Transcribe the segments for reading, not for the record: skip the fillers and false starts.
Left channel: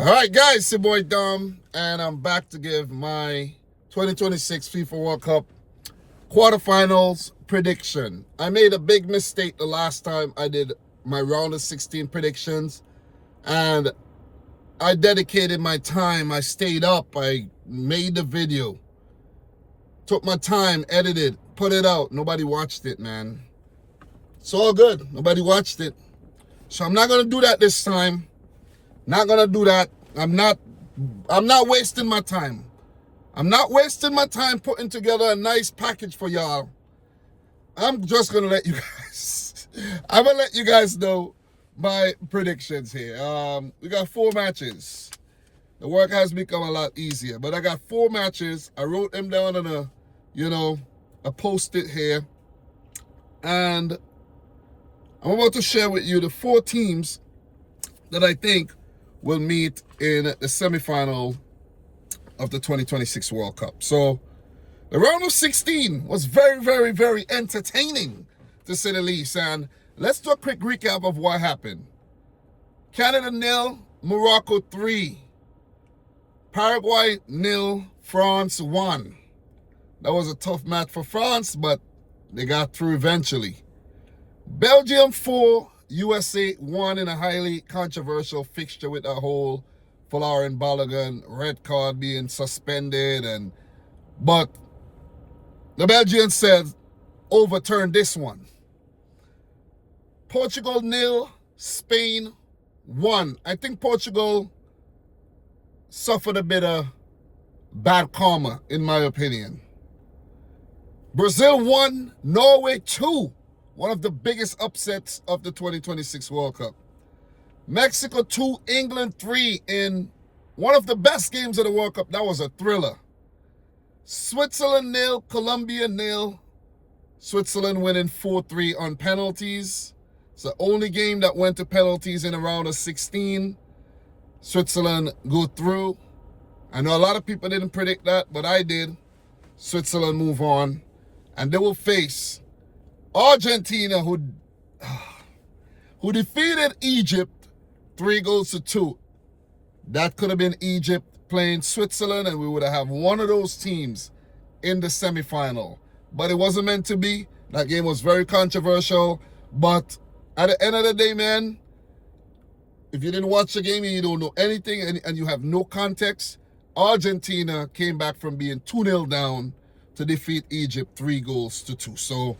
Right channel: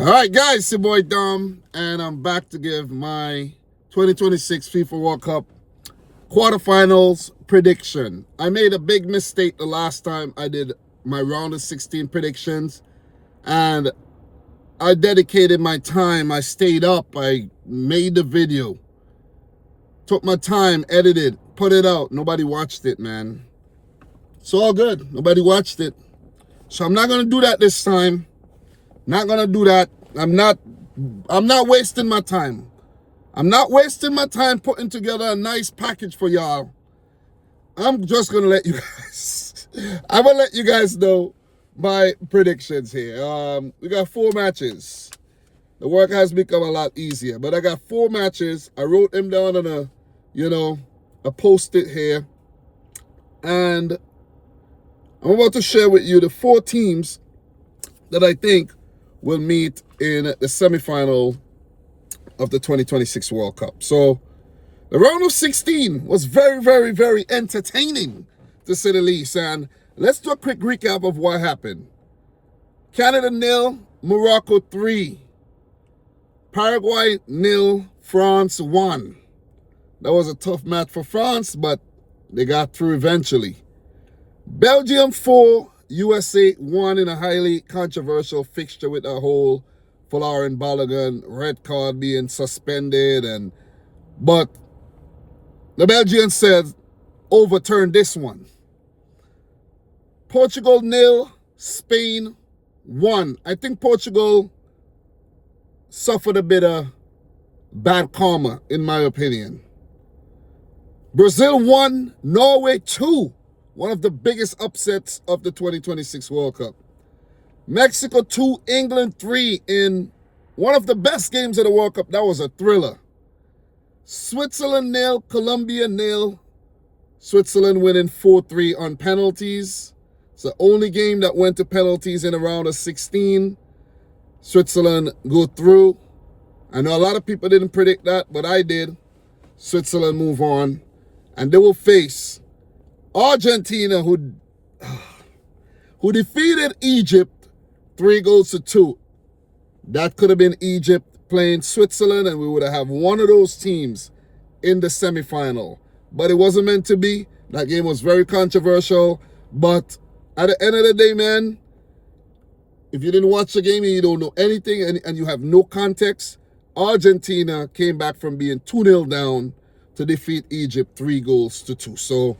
All right, guys, it's your boy Dom, and I'm back to give my 2026 FIFA World Cup quarterfinals prediction. I made a big mistake the last time I did my round of 16 predictions, and I dedicated my time. I stayed up. I made the video, took my time, edited, put it out. Nobody watched it, man. It's all good. Nobody watched it. So I'm not going to do that this time. Not gonna do that. I'm not wasting my time. I'm not wasting my time putting together a nice package for y'all. I'm just gonna let you guys I'm gonna let you guys know my predictions here. We got 4 matches. The work has become a lot easier, but I got 4 matches. I wrote them down on a post-it here, and I'm about to share with you the 4 teams that I think will meet in the semifinal of the 2026 World Cup. So the round of 16 was very, very, very entertaining, to say the least. And let's do a quick recap of what happened. Canada 0, Morocco 3. Paraguay 0, France 1. That was a tough match for France, but they got through eventually. Belgium 4, USA 1 in a highly controversial fixture with a whole Folarin Balogun red card being suspended, but the Belgians said overturn this one. Portugal 0, Spain 1. I think Portugal suffered a bit of bad karma, in my opinion. Brazil 1, Norway 2. One of the biggest upsets of the 2026 World Cup. Mexico 2, England 3 in one of the best games of the World Cup. That was a thriller. Switzerland 0, Colombia 0. Switzerland winning 4-3 on penalties. It's the only game that went to penalties in a round of 16. Switzerland go through. I know a lot of people didn't predict that, but I did. Switzerland move on, and they will face Argentina, who defeated Egypt 3-2. That could have been Egypt playing Switzerland, and we would have one of those teams in the semifinal. But it wasn't meant to be. That game was very controversial. But at the end of the day, man, if you didn't watch the game and you don't know anything and you have no context, Argentina came back from being 2-0 down to defeat Egypt 3-2. So,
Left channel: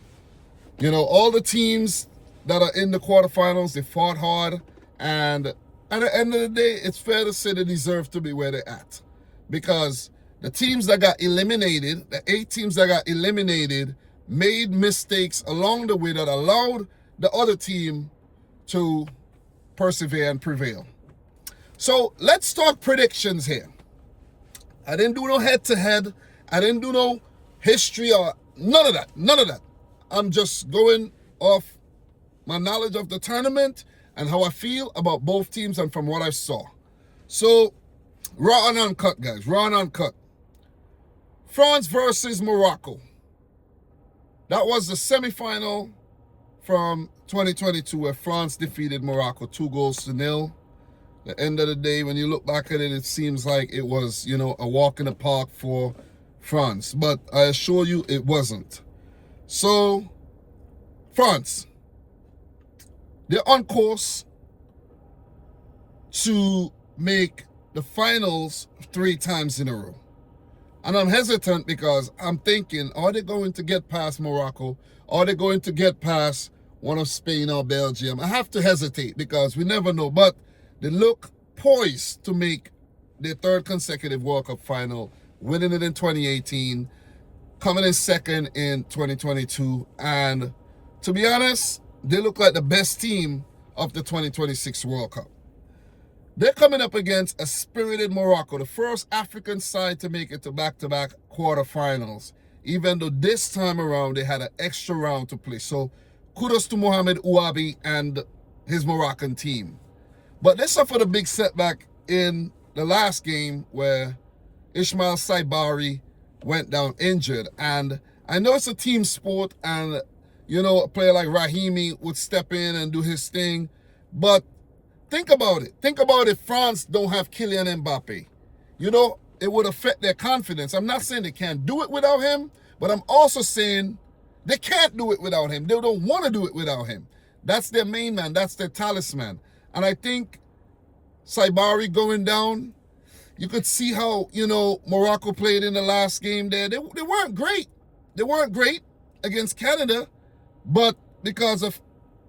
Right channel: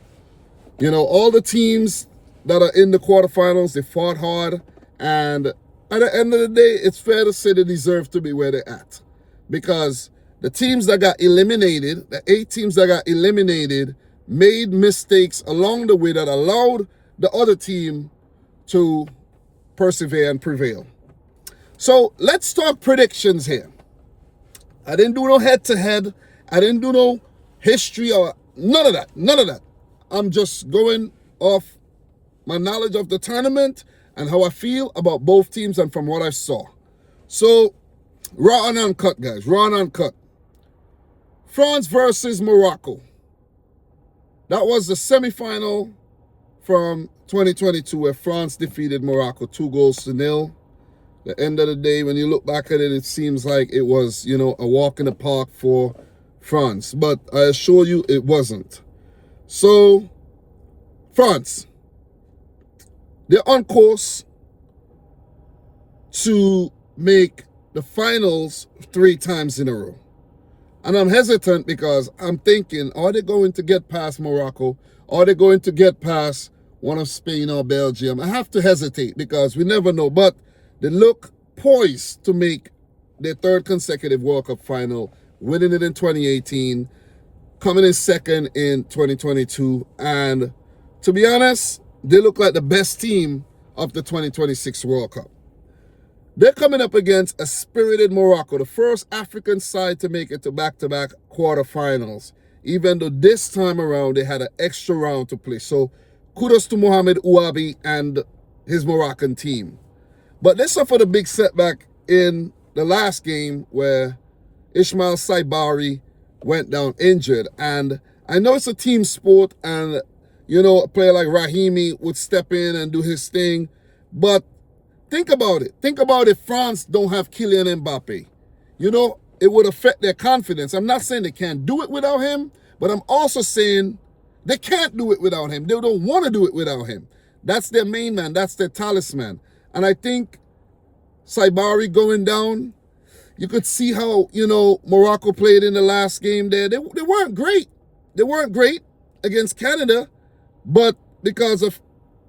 all the teams that are in the quarterfinals, they fought hard. And at the end of the day, it's fair to say they deserve to be where they're at. Because the teams that got eliminated, the 8 teams that got eliminated, made mistakes along the way that allowed the other team to persevere and prevail. So let's talk predictions here. I didn't do no head-to-head. I didn't do no history or none of that. I'm just going off my knowledge of the tournament and how I feel about both teams and from what I saw. So, raw and uncut, guys. Raw and uncut. France versus Morocco. That was the semifinal from 2022 where France defeated Morocco 2-0. The end of the day, when you look back at it, it seems like it was, a walk in the park for France. But I assure you it wasn't. So, France, they're on course to make the finals 3 times in a row. And I'm hesitant because I'm thinking, are they going to get past Morocco? Are they going to get past one of Spain or Belgium? I have to hesitate because we never know. But they look poised to make their 3rd consecutive World Cup final, winning it in 2018, coming in 2nd in 2022. And to be honest, they look like the best team of the 2026 World Cup. They're coming up against a spirited Morocco, the first African side to make it to back-to-back quarterfinals, even though this time around they had an extra round to play. So kudos to Mohamed Ouabi and his Moroccan team. But they suffered a big setback in the last game where Ismail Saibari went down injured. And I know it's a team sport and, a player like Rahimi would step in and do his thing. But Think about it. Think about if France don't have Kylian Mbappe. You know, it would affect their confidence. I'm not saying they can't do it without him, but I'm also saying they can't do it without him. They don't want to do it without him. That's their main man. That's their talisman. And I think Saibari going down, you could see how, you know, Morocco played in the last game there. They weren't great. They weren't great against Canada, but because of,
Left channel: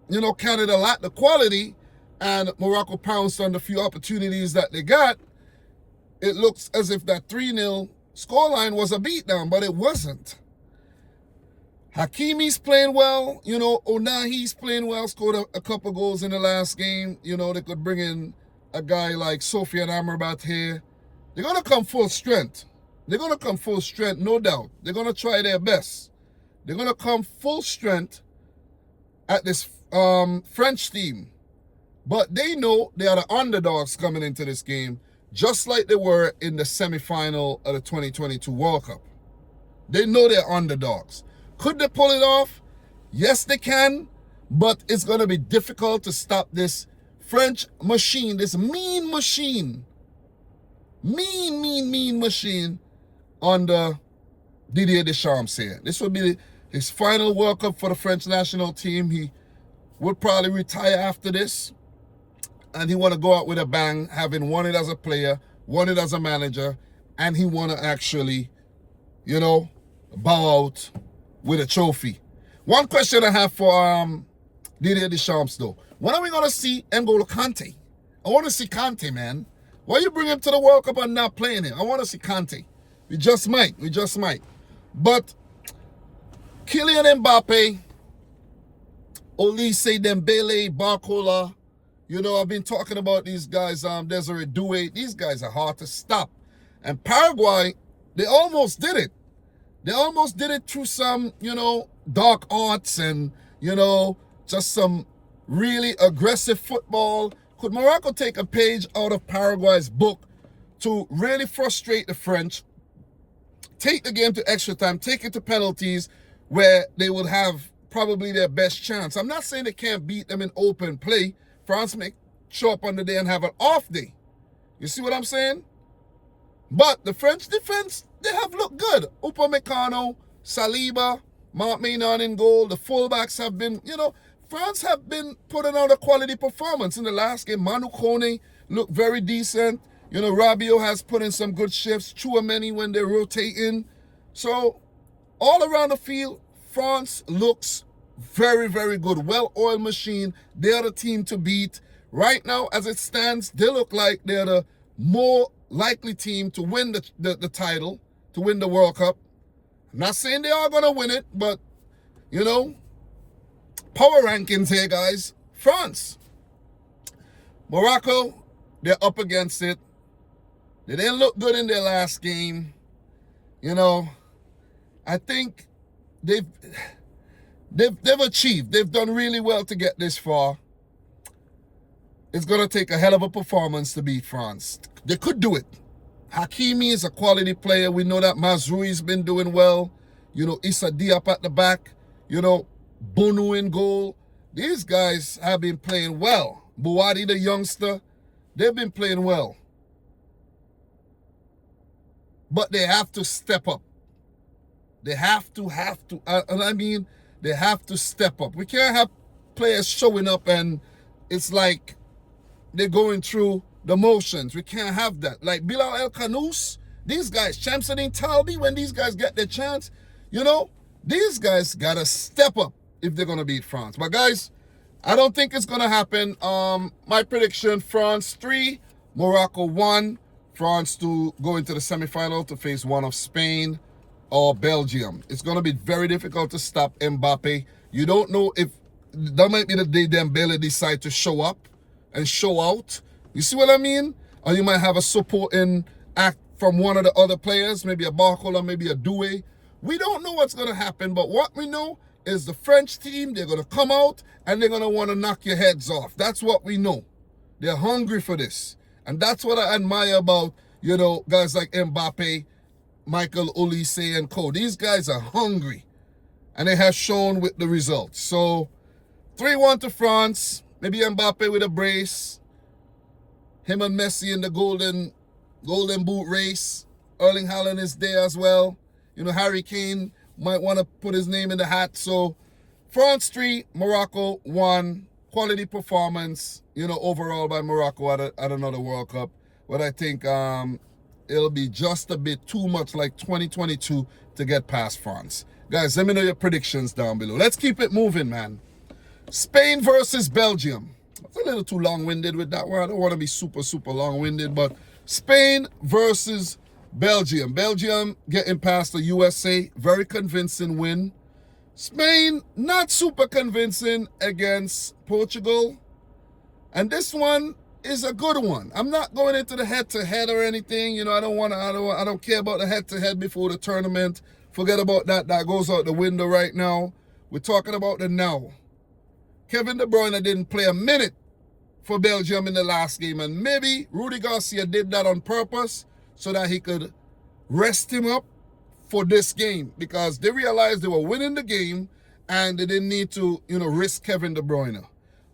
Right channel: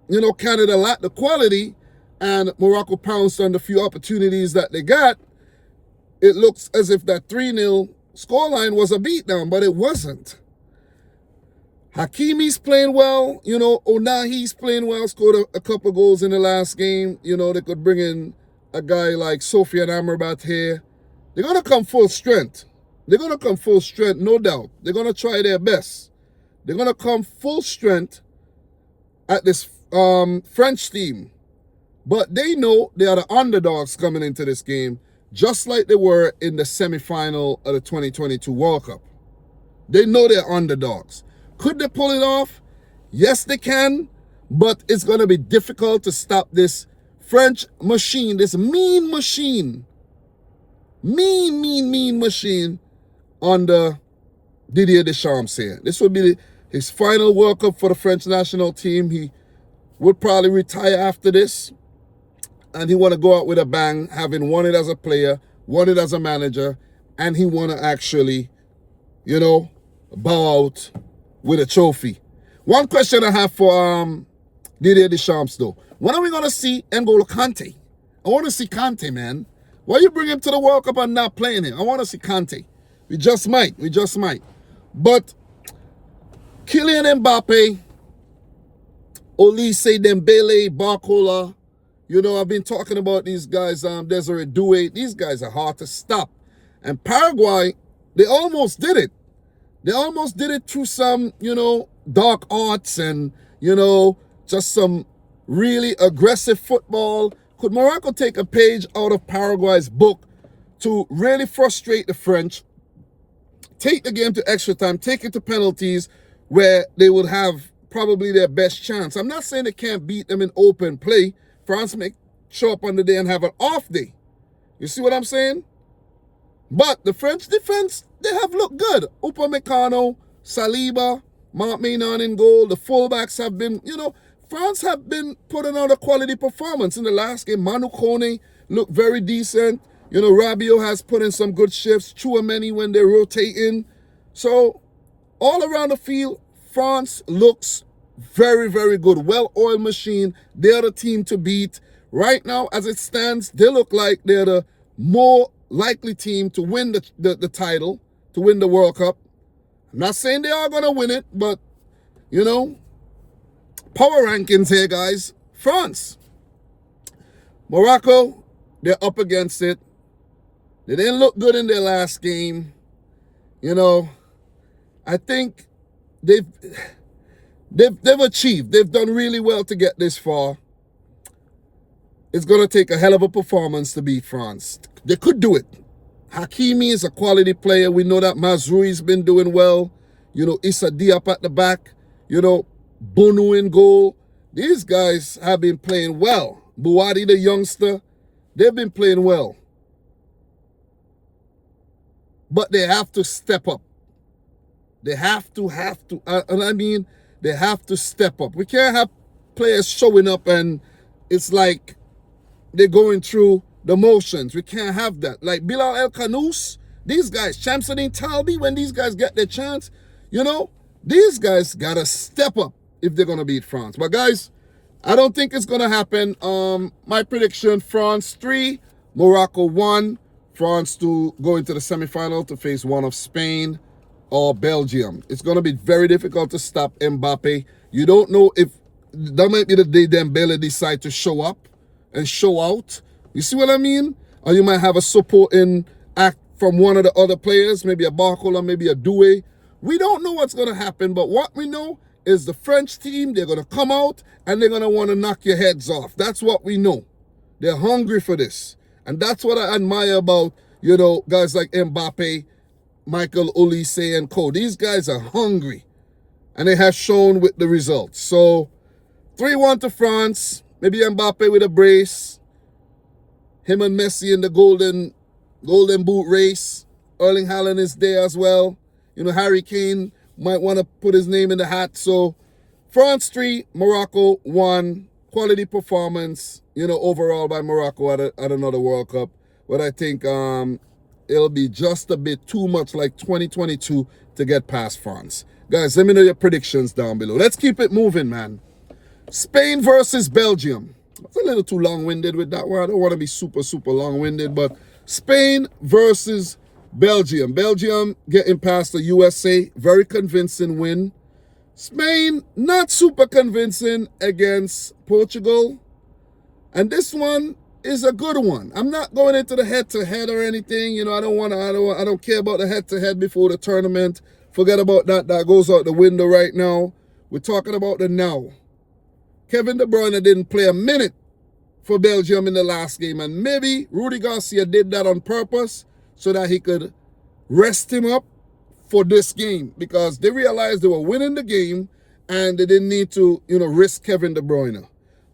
you know, Canada lacked the quality and Morocco pounced on the few opportunities that they got, it looks as if that 3-0 scoreline was a beatdown, but it wasn't. Hakimi's playing well. You know, Onahi's playing well, scored a couple goals in the last game. You know, they could bring in a guy like Sofiane Amrabat here. They're going to come full strength. They're going to come full strength, no doubt. They're going to try their best. They're going to come full strength at this French team. But they know they are the underdogs coming into this game, just like they were in the semifinal of the 2022 World Cup. They know they're underdogs. Could they pull it off? Yes, they can, but it's going to be difficult to stop this French machine, this mean machine, mean machine under Didier Deschamps here. This will be his final World Cup for the French national team. He will probably retire after this, and he want to go out with a bang, having won it as a player, won it as a manager, and he want to actually, you know, bow out with a trophy. One question I have for Didier Deschamps though. When are we going to see N'Golo Kante? I want to see Kante, man. Why you bring him to the World Cup and not playing him? I want to see Kante. We just might. But Kylian Mbappe, Olise, Dembele, Barcola, you know, I've been talking about these guys, Desiree Doué. These guys are hard to stop. And Paraguay, they almost did it. They almost did it through some, you know, dark arts and, you know, just some really aggressive football. Could Morocco take a page out of Paraguay's book to really frustrate the French, take the game to extra time, take it to penalties where they would have probably their best chance? I'm not saying they can't beat them in open play. France may show up on the day and have an off day. You see what I'm saying? But the French defense, they have looked good. Upamecano, Saliba, Marc Maignan in goal. The fullbacks have been, you know, France have been putting out a quality performance in the last game. Manu Kone looked very decent. You know, Rabiot has put in some good shifts. Chouameni when they're rotating. So, all around the field, France looks very, very good. Well-oiled machine. They're the team to beat. Right now, as it stands, they look like they're the more likely team to win the title, to win the World Cup. I'm not saying they are going to win it, but, you know, power rankings here, guys. France. Morocco, they're up against it. They didn't look good in their last game. You know, I think they've achieved. They've done really well to get this far. It's going to take a hell of a performance to beat France. They could do it. Hakimi is a quality player. We know that Mazroui's been doing well. You know, Issa Diop at the back. You know, Bono in goal. These guys have been playing well. Bouhaddi, the youngster, they've been playing well. But they have to step up. They have to, and I mean, they have to step up. We can't have players showing up and it's like they're going through the motions. We can't have that. Like Bilal El Khanous, these guys, Shamsuddin Talbi, when these guys get their chance, you know, these guys got to step up if they're going to beat France. But guys, I don't think it's going to happen. My prediction, France 3, Morocco 1. France to go into the semifinal to face one of Spain or Belgium. It's going to be very difficult to stop Mbappe. You don't know if that might be the day Dembele decide to show up and show out. You see what I mean? Or you might have a supporting act from one of the other players, maybe a Barcola, maybe a Doué. We don't know what's going to happen, but what we know is the French team, they're going to come out and they're going to want to knock your heads off. That's what we know. They're hungry for this. And that's what I admire about, you know, guys like Mbappe, Michael Olise, and co. These guys are hungry. And they have shown with the results. So, 3-1 to France. Maybe Mbappe with a brace. Him and Messi in the golden boot race. Erling Haaland is there as well. You know, Harry Kane might want to put his name in the hat. So France 3, Morocco 1. Quality performance, you know, overall by Morocco at another World Cup. But I think it'll be just a bit too much like 2022 to get past France. Guys, let me know your predictions down below. Let's keep it moving, man. Spain versus Belgium. It's a little too long-winded with that one. I don't want to be super, super long-winded, but Spain versus Belgium. Belgium getting past the USA. Very convincing win. Spain, not super convincing against Portugal. And this one is a good one. I'm not going into the head-to-head or anything. You know, I don't care about the head-to-head before the tournament. Forget about that. That goes out the window right now. We're talking about the now. Kevin De Bruyne didn't play a minute for Belgium in the last game. And maybe Rudy Garcia did that on purpose so that he could rest him up for this game, because they realized they were winning the game and they didn't need to, you know, risk Kevin De Bruyne.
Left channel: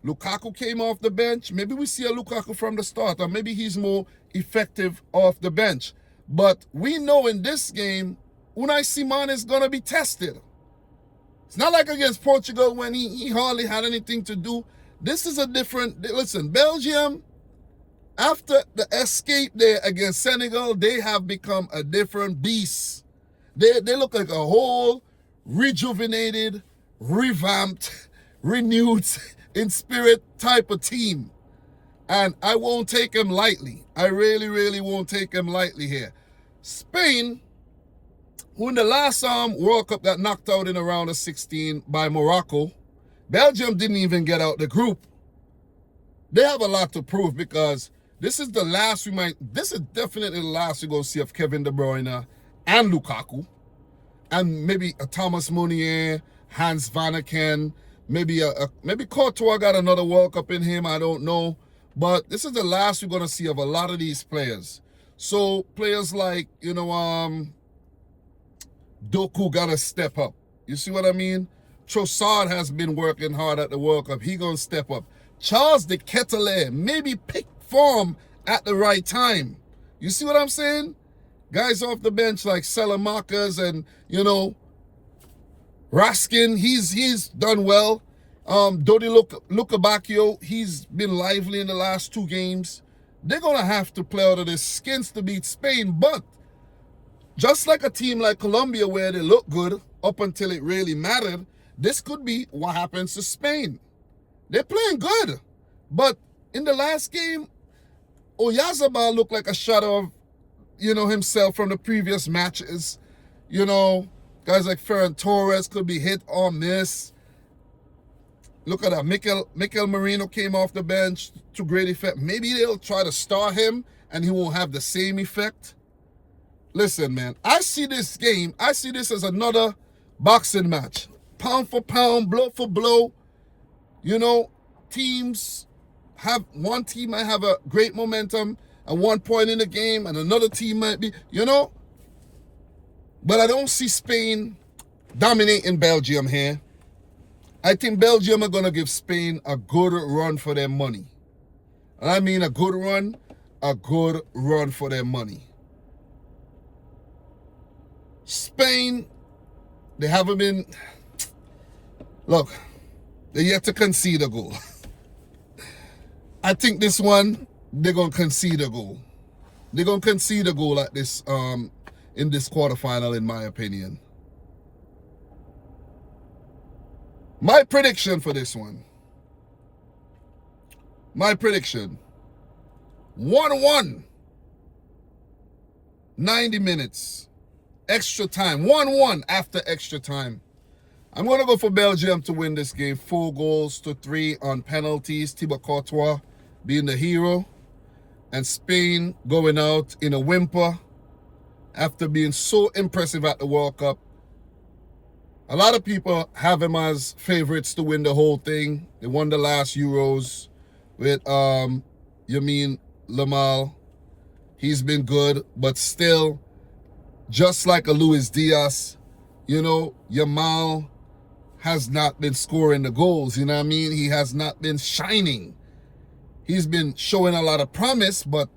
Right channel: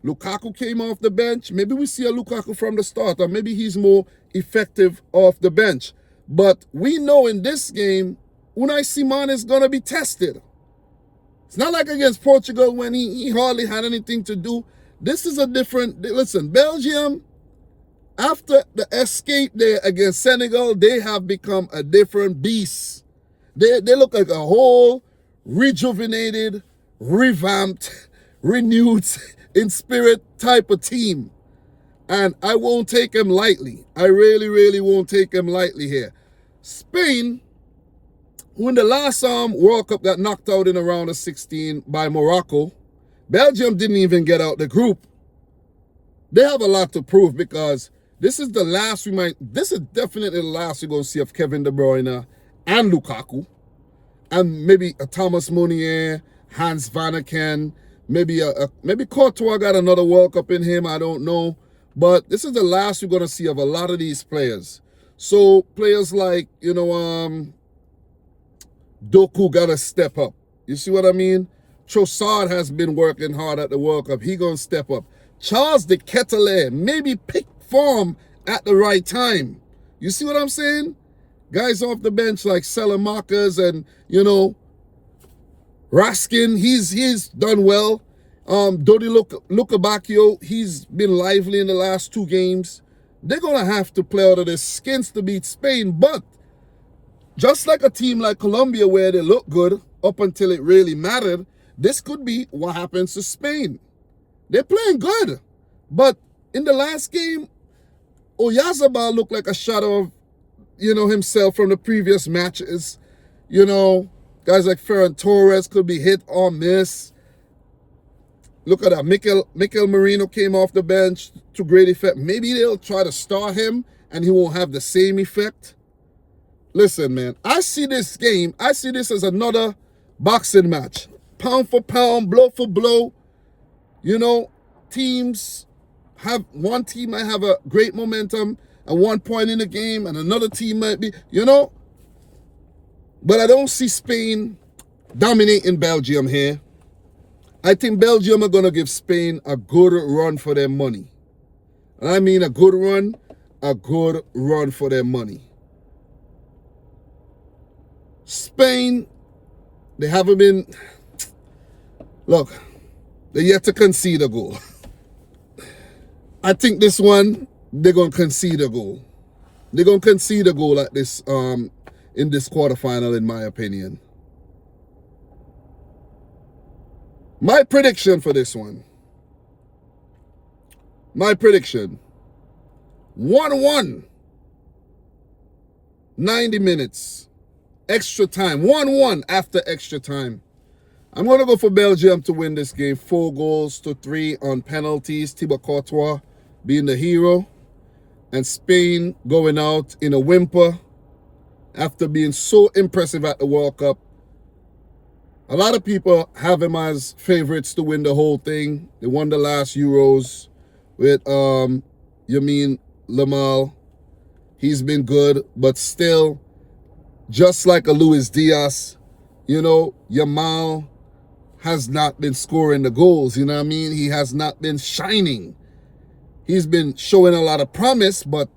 Lukaku came off the bench. Maybe we see a Lukaku from the start, or maybe he's more effective off the bench. But we know in this game, Unai Simon is going to be tested. It's not like against Portugal when he hardly had anything to do. This is a different, listen, Belgium, after the escape there against Senegal, they have become a different beast. They look like a whole rejuvenated, revamped, renewed in spirit type of team. And I won't take them lightly. I really, really won't take them lightly here. Spain, who in the last World Cup got knocked out in the round of 16 by Morocco. Belgium didn't even get out the group. They have a lot to prove, because this is the last this is definitely the last we're going to see of Kevin De Bruyne and Lukaku, and maybe a Thomas Meunier, Hans Vanaken, maybe Courtois got another World Cup in him, I don't know. But this is the last we're going to see of a lot of these players. So players like, you know, Doku got to step up. You see what I mean? Trossard has been working hard at the World Cup. He going to step up. Charles de Ketelaere maybe pick form at the right time. You see what I'm saying? Guys off the bench like Salamakers and, you know, Raskin, he's done well. Dodi Lukabakio, he's been lively in the last 2 games. They're going to have to play out of their skins to beat Spain. But just like a team like Colombia where they look good up until it really mattered, this could be what happens to Spain. They're playing good. But in the last game, Oyarzabal looked like a shadow of, you know, himself from the previous matches. You know, guys like Ferran Torres could be hit or miss. Look at that. Mikel Merino came off the bench to great effect. Maybe they'll try to start him and he won't have the same effect. Listen, man, I see this game, I see this as another boxing match. Pound for pound, blow for blow. You know, one team might have a great momentum at one point in the game, and another team might be, you know. But I don't see Spain dominating Belgium here. I think Belgium are going to give Spain a good run for their money. And I mean a good run for their money. Spain, they haven't been, look, they're yet to concede a goal. I think this one, they're going to concede a goal. They're going to concede a goal like this in this quarterfinal, in my opinion. My prediction for this one. My prediction. 1-1. 90 minutes. Extra time. 1-1 after extra time. I'm going to go for Belgium to win this game. 4-3 on penalties. Thibaut Courtois being the hero. And Spain going out in a whimper after being so impressive at the World Cup. A lot of people have him as favorites to win the whole thing. They won the last Euros with Yamin Lamal. He's been good, but still, just like a Luis Diaz, you know, Yamal has not been scoring the goals, you know what I mean? He has not been shining. he's been showing a lot of promise, but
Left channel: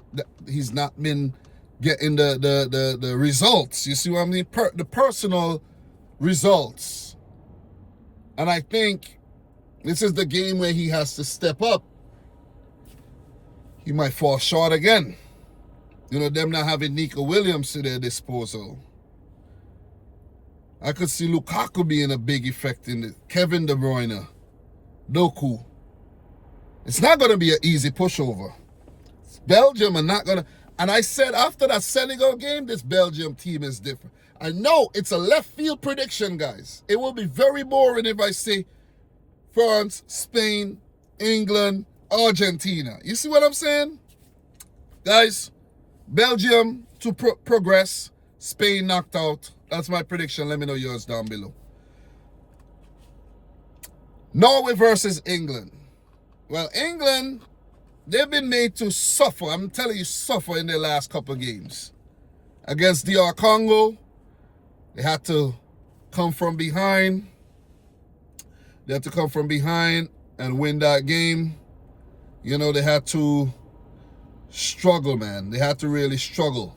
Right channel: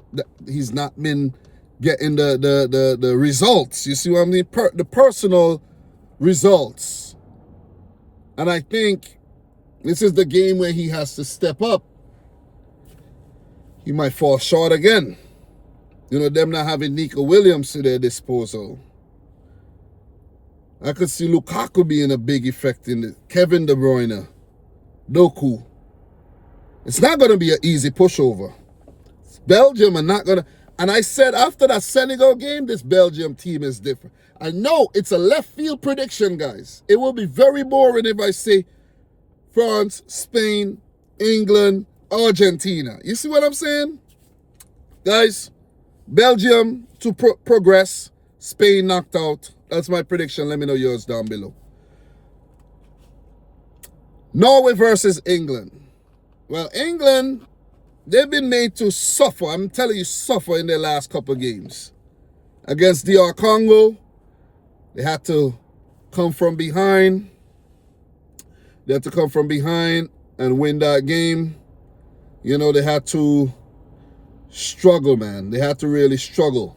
he's not been getting the results. You see what I mean? The personal results. And I think this is the game where he has to step up. He might fall short again. You know, them not having Nico Williams to their disposal. I could see Lukaku being a big effect in it. Kevin De Bruyne. Doku. It's not going to be an easy pushover. Belgium are not going to... And I said after that Senegal game, this Belgium team is different. I know it's a left field prediction, guys. It will be very boring if I say France, Spain, England, Argentina. You see what I'm saying? Guys, Belgium to progress. Spain knocked out. That's my prediction. Let me know yours down below. Norway versus England. Well, England, they've been made to suffer. I'm telling you, suffer in their last couple of games. Against DR Congo, they had to come from behind. They had to come from behind and win that game. You know, they had to struggle, man. They had to really struggle.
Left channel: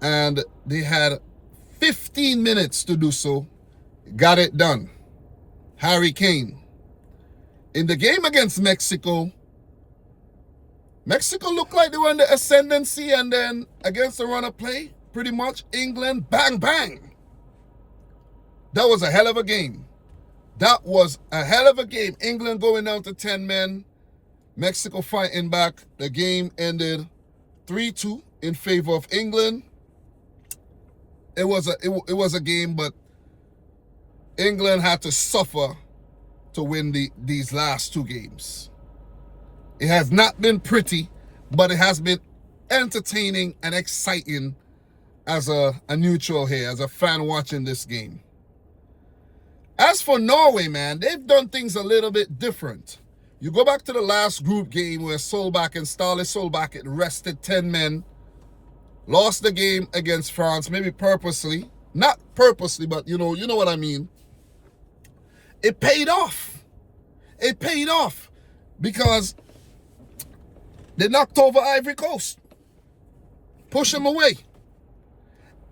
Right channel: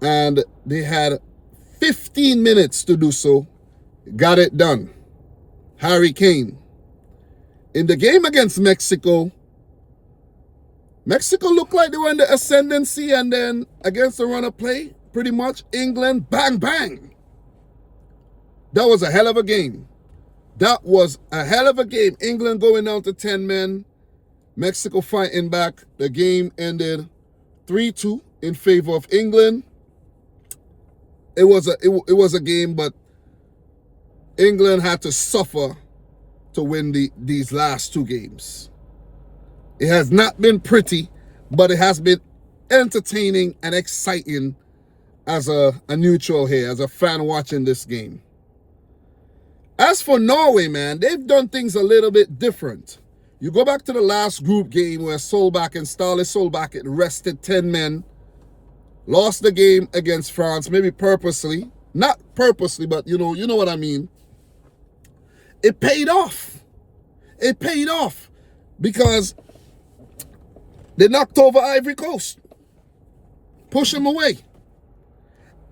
And they had 15 minutes to do so. Got it done. Harry Kane. In the game against Mexico, Mexico looked like they were in the ascendancy, and then against the run of play, pretty much, England, bang, bang. That was a hell of a game. That was a hell of a game. England going down to 10 men. Mexico fighting back. The game ended 3-2 in favor of England. It was a game, but England had to suffer to win these last two games. It has not been pretty, but it has been entertaining and exciting as a neutral here, as a fan watching this game. As for Norway, man, they've done things a little bit different. You go back to the last group game where Solbakken and Ståle Solbakken rested 10 men, lost the game against France, maybe purposely. Not purposely, but you know what I mean. It paid off. It paid off because they knocked over Ivory Coast, push them away,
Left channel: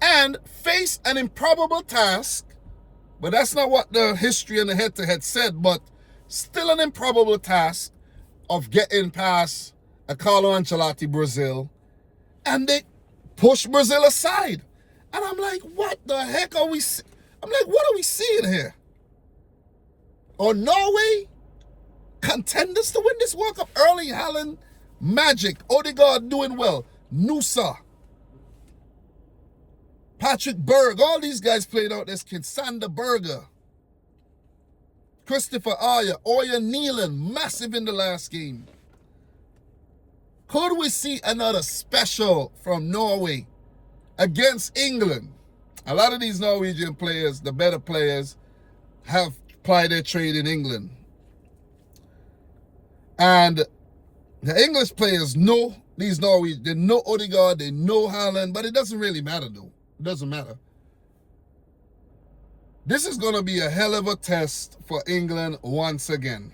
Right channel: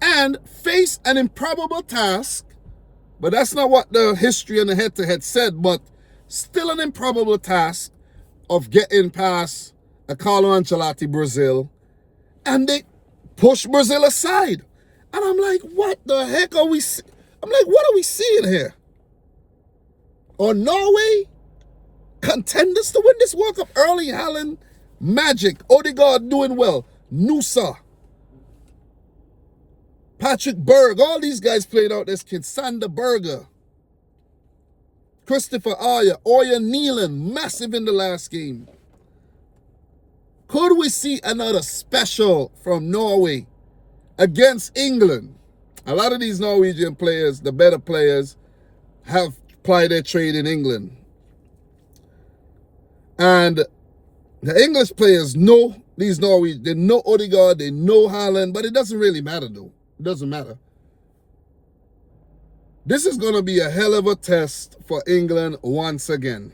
and face an improbable task. But that's not what the history and the head-to-head said, but still an improbable task of getting past a Carlo Ancelotti Brazil, and they push Brazil aside. And I'm like, what the heck are we... I'm like, what are we seeing here? Or Norway, contenders to win this World Cup. Erling Haaland, magic. Odegaard doing well. Nusa. Patrick Berg. All these guys played out this kid. Sander Berger. Christopher Aya. Oya Neelan. Massive in the last game. Could we see another special from Norway against England? A lot of these Norwegian players, the better players, have plied their trade in England. And the English players know these Norwegians. They know Odegaard, they know Haaland, but it doesn't really matter though. It doesn't matter. This is going to be a hell of a test for England once again.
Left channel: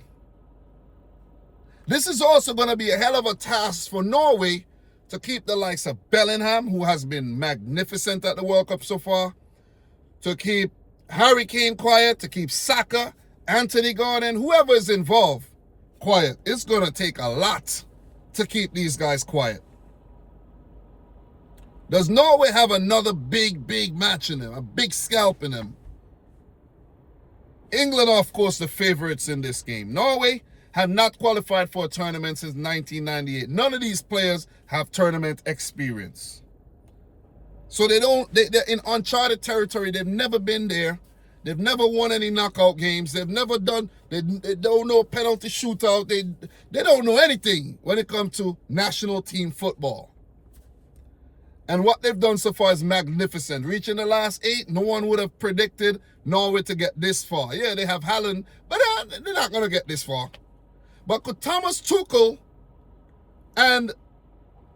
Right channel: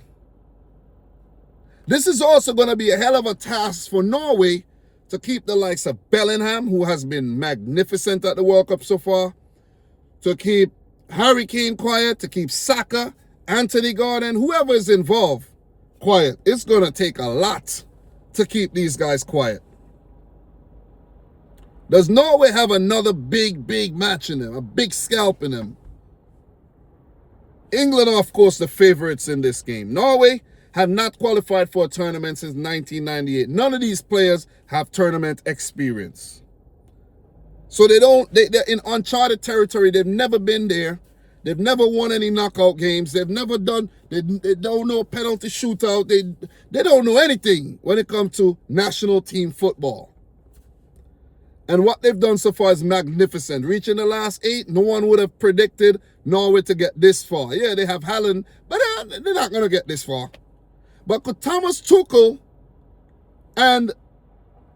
This is also going to be a hell of a task for Norway to keep the likes of Bellingham, who has been magnificent at the World Cup so far, to keep Harry Kane quiet, to keep Saka, Anthony Gordon, whoever is involved quiet. It's going to take a lot to keep these guys quiet. Does Norway have another big match in them, a big scalp in them? England are, of course, the favorites in this game. Norway have not qualified for a tournament since 1998. None of these players have tournament experience. So they're in uncharted territory. They've never been there. They've never won any knockout games. They've never done, they don't know penalty shootout. They don't know anything when it comes to national team football. And what they've done so far is magnificent. Reaching the last 8, no one would have predicted Norway to get this far. Yeah, they have Haaland, but they're not going to get this far. But could Thomas Tuchel and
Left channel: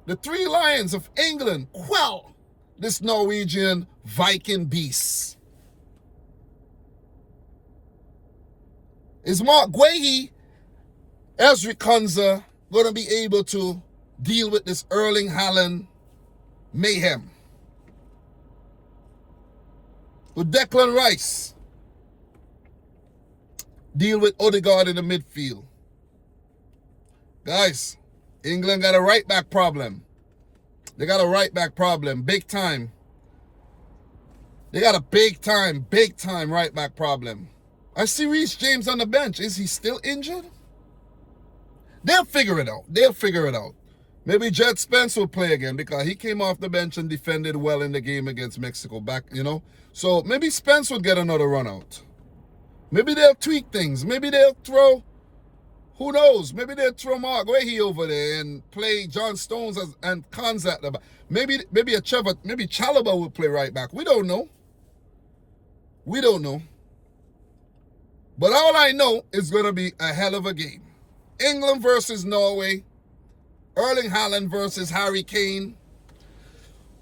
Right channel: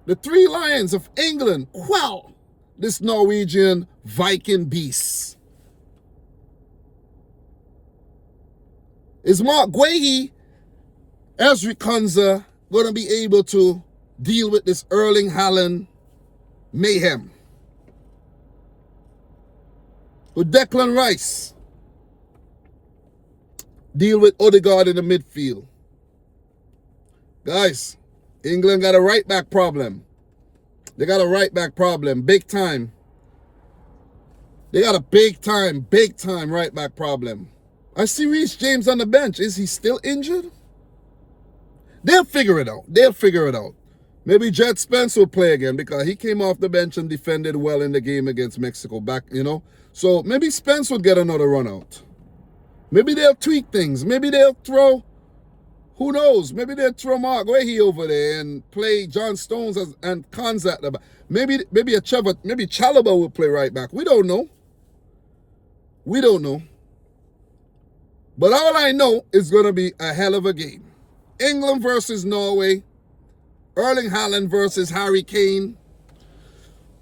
the Three Lions of England quell this Norwegian Viking beast? Is Mark Guehi, Ezri Konza, going to be able to deal with this Erling Haaland mayhem? With Declan Rice, deal with Odegaard in the midfield. Guys, England got a right back problem. They got a right back problem, big time. They got a big time right back problem. I see Reece James on the bench. Is he still injured? They'll figure it out. They'll figure it out. Maybe Jed Spence will play again because he came off the bench and defended well in the game against Mexico back, you know. So maybe Spence would get another run out. Maybe they'll tweak things. Maybe they'll throw, who knows? Maybe they'll throw Mark Weahy over there and play John Stones and Cons at the back. Maybe Chalobah will play right back. We don't know. We don't know. But all I know is going to be a hell of a game. England versus Norway. Erling Haaland versus Harry Kane.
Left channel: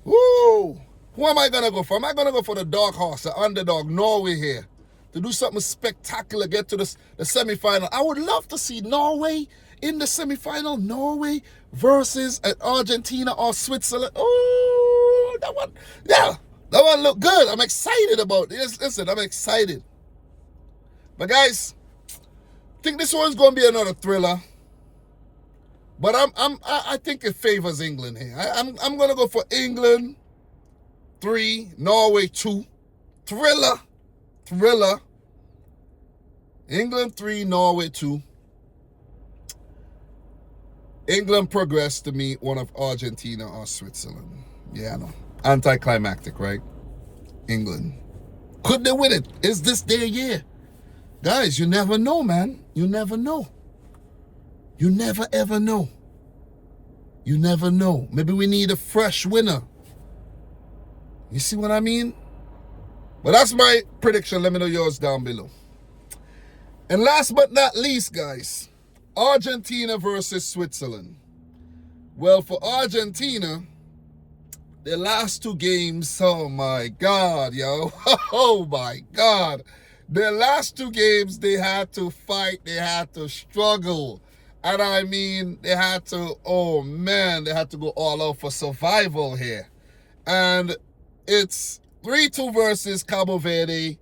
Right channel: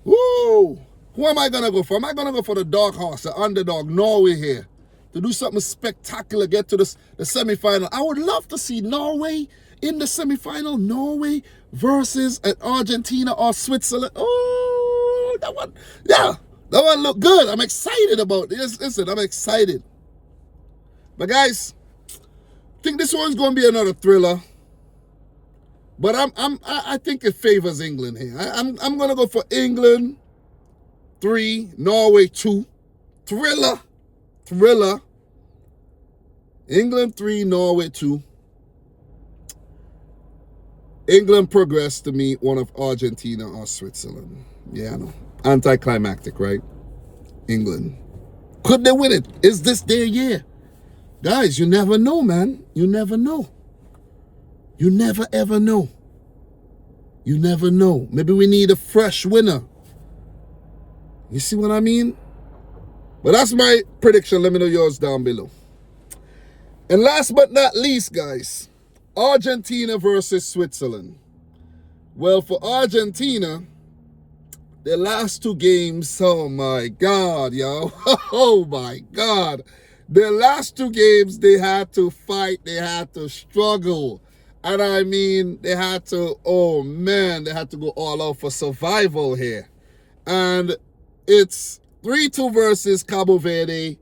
Woo! Who am I going to go for? Am I going to go for the dark horse, the underdog, Norway here? To do something spectacular, get to the semi-final. I would love to see Norway in the semi-final. Norway versus Argentina or Switzerland. Oh, that one. Yeah, that one look good. I'm excited about this. Listen, I'm excited. But guys, I think this one's going to be another thriller. But I think it favors England here. I'm going to go for England 3, Norway 2. Thriller. England 3, Norway 2. England progressed to meet one of Argentina or Switzerland. Yeah, I know. Anticlimactic, right? England. Could they win it? Is this their year? Guys, you never know, man. You never know. You never ever know. You never know. Maybe we need a fresh winner. You see what I mean? But that's my prediction. Let me know yours down below. And last but not least, guys, Argentina versus Switzerland. Well, for Argentina, their last 2 games, oh my God, yo. Oh my God. Their last 2 games, they had to fight. They had to struggle. And I mean, they had to, oh man, they had to go all out for survival here. And it's 3-2 versus Cabo Verde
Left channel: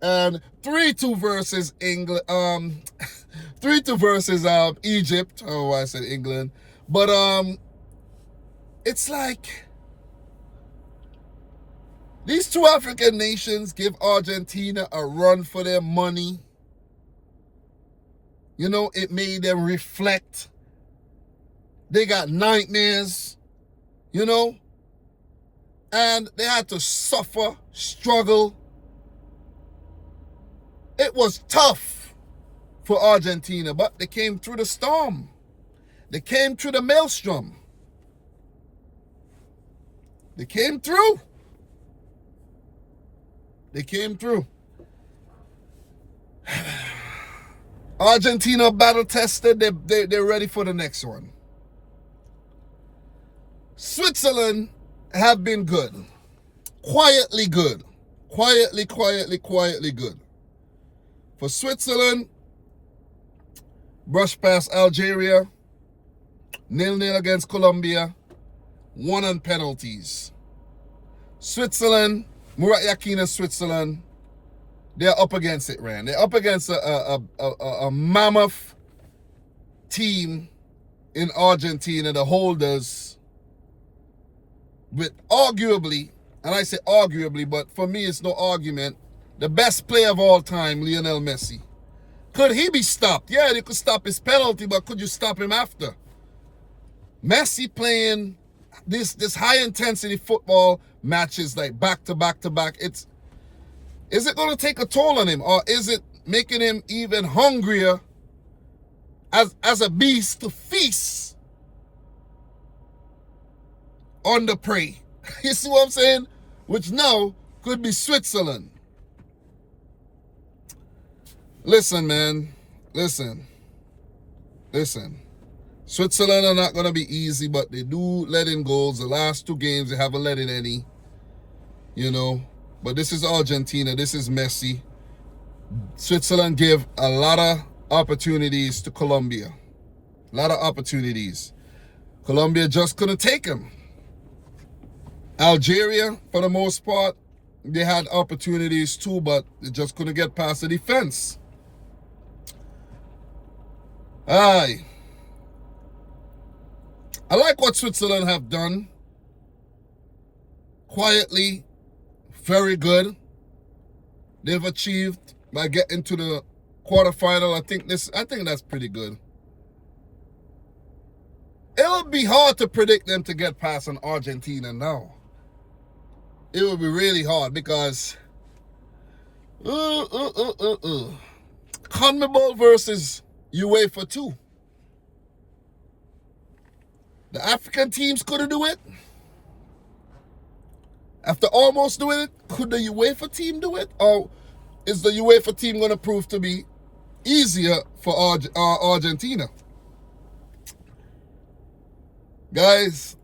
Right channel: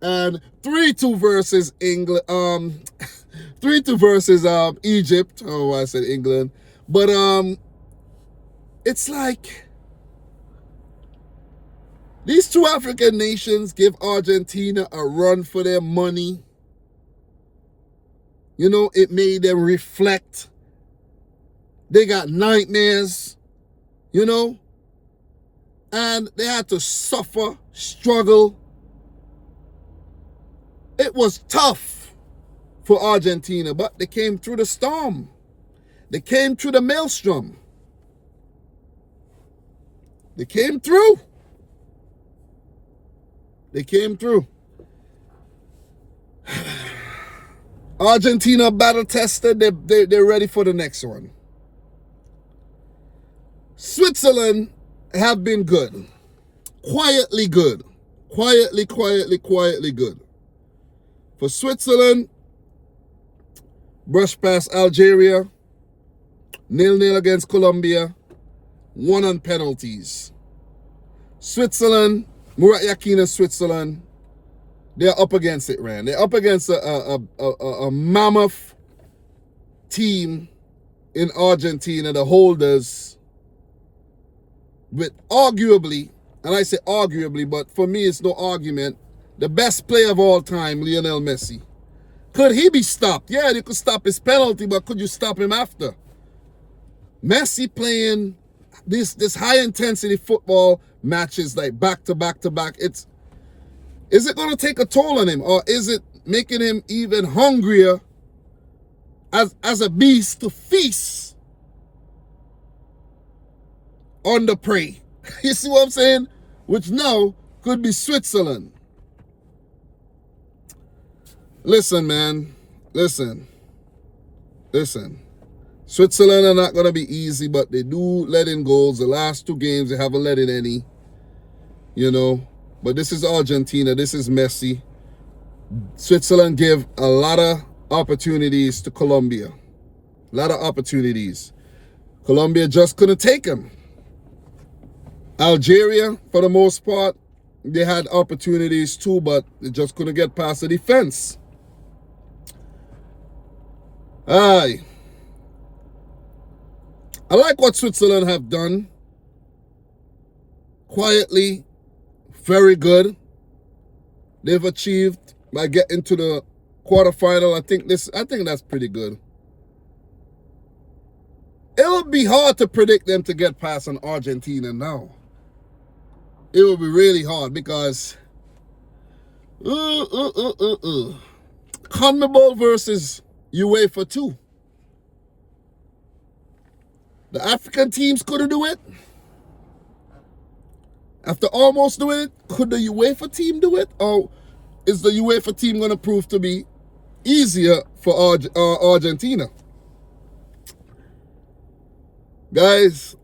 and 3-2 versus England. 3-2 versus Egypt. Oh, I said England. But it's like these 2 African nations give Argentina a run for their money. You know, it made them reflect. They got nightmares, you know, and they had to suffer, struggle. It was tough for Argentina, but they came through the storm. They came through the maelstrom. They came through. They came through. Argentina battle tested. They're ready for the next one. Switzerland have been good. Quietly good. Quietly good. For Switzerland, brush past Algeria, 0-0 against Colombia, 1 on penalties. Switzerland, Murat Yakin and Switzerland, they're up against it, Rand. They're up against a mammoth team in Argentina, the holders, with arguably, and I say arguably, but for me it's no argument, the best player of all time, Lionel Messi. Could he be stopped? Yeah, you could stop his penalty, but could you stop him after? Messi playing this high intensity football matches like back to back to back. Is it going to take a toll on him, or is it making him even hungrier as a beast to feast on the prey? You see what I'm saying? Which now could be Switzerland. Listen, man. Listen. Switzerland are not going to be easy, but they do let in goals. The last 2 games, they haven't let in any. You know. But this is Argentina. This is Messi. Switzerland give a lot of opportunities to Colombia. A lot of opportunities. Colombia just couldn't take them. Algeria, for the most part, they had opportunities too, but they just couldn't get past the defense. Aye. I like what Switzerland have done. Quietly, very good. They've achieved by getting to the quarterfinal. I think that's pretty good. It would be hard to predict them to get past an Argentina now. It would be really hard because CONMEBOL versus UEFA 2. The African teams couldn't do it. After almost doing it, could the UEFA team do it? Or is the UEFA team going to prove to be easier for Argentina? Guys,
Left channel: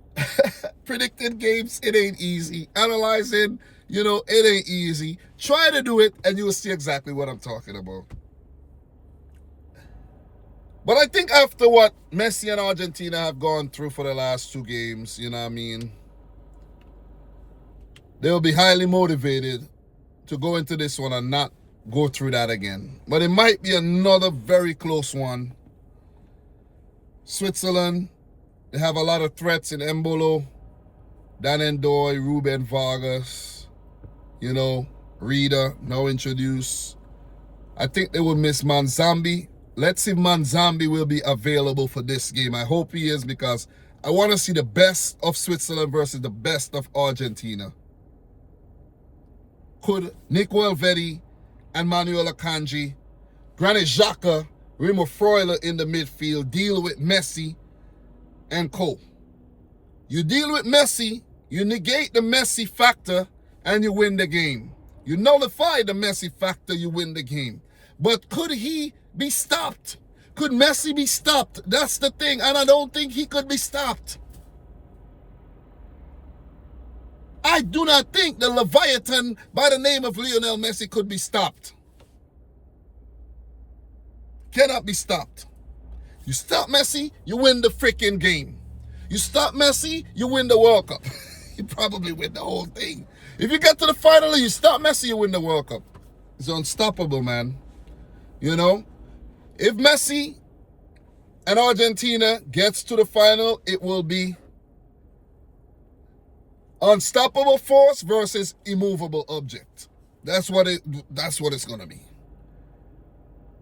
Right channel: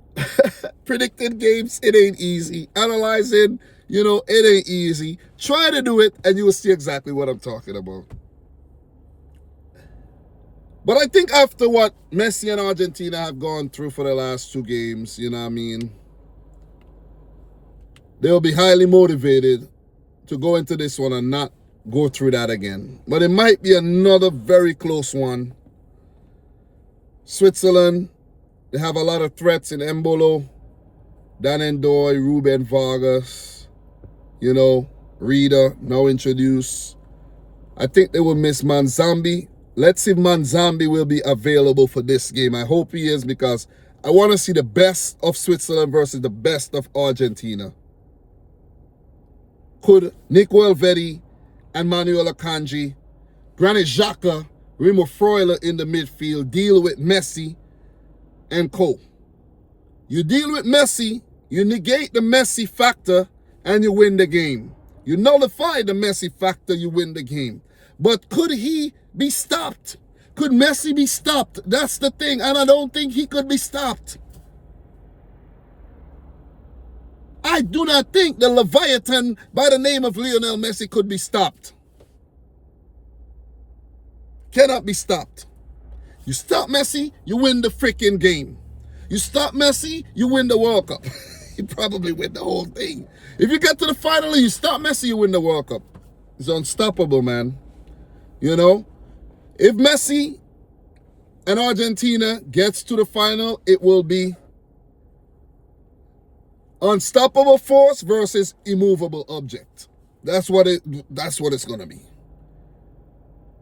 predicting games, it ain't easy. Analyzing, it ain't easy. Try to do it and you will see exactly what I'm talking about. But I think after what Messi and Argentina have gone through for the last 2 games, you know what I mean, they'll be highly motivated to go into this one and not go through that again. But it might be another very close one. Switzerland, they have a lot of threats in Embolo, Dan Ndoye, Ruben Vargas, Reader, now introduced. I think they will miss Manzambi. Let's see if Manzambi will be available for this game. I hope he is because I want to see the best of Switzerland versus the best of Argentina. Could Nico Elvedi and Manuel Akanji, Granit Xhaka, Remo Freuler in the midfield deal with Messi and co? You deal with Messi, you negate the Messi factor, and you win the game. You nullify the Messi factor, you win the game. But could he be stopped? Could Messi be stopped? That's the thing, and I don't think he could be stopped. I do not think the Leviathan by the name of Lionel Messi could be stopped. Cannot be stopped. You stop Messi, you win the freaking game. You stop Messi, you win the World Cup. You probably win the whole thing. If you get to the final, you stop Messi, you win the World Cup. It's unstoppable, man. If Messi and Argentina gets to the final, it will be unstoppable force versus immovable object. That's what it's going to be.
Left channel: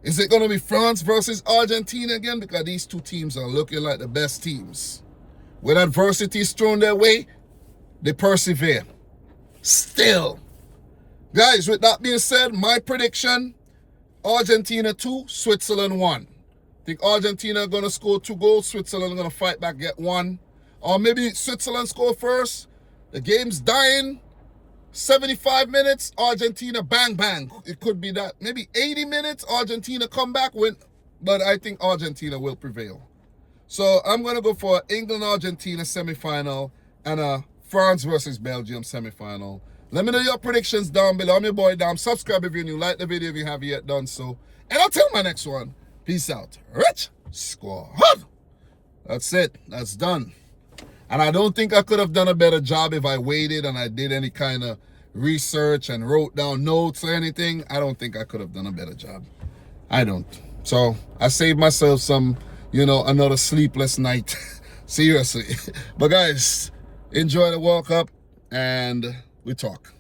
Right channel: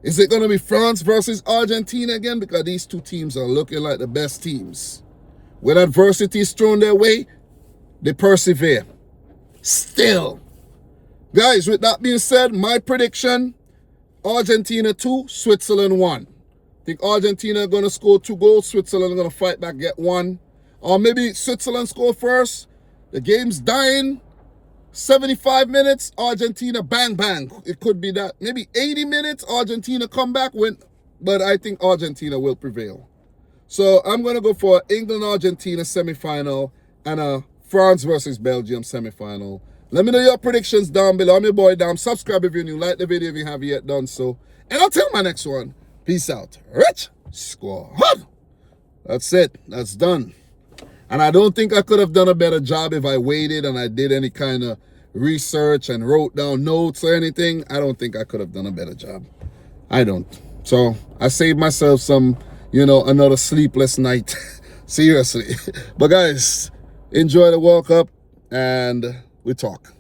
Is it going to be France versus Argentina again? Because these 2 teams are looking like the best teams. When adversity is thrown their way, they persevere. Still. Guys, with that being said, my prediction, Argentina 2, Switzerland 1. I think Argentina are going to score 2 goals. Switzerland are going to fight back, get 1. Or maybe Switzerland score first. The game's dying. 75 minutes, Argentina, bang, bang. It could be that. Maybe 80 minutes, Argentina come back, win. But I think Argentina will prevail. So I'm going to go for England-Argentina semifinal and a France versus Belgium semifinal. Let me know your predictions down below. I'm your boy Dam. Subscribe if you're new. Like the video if you haven't yet done so. And I'll tell you my next one. Peace out. Rich squad. That's it. That's done. And I don't think I could have done a better job if I waited and I did any kind of research and wrote down notes or anything. I don't think I could have done a better job. I don't. So I saved myself some, another sleepless night. Seriously. But guys, enjoy the World Cup and we talk.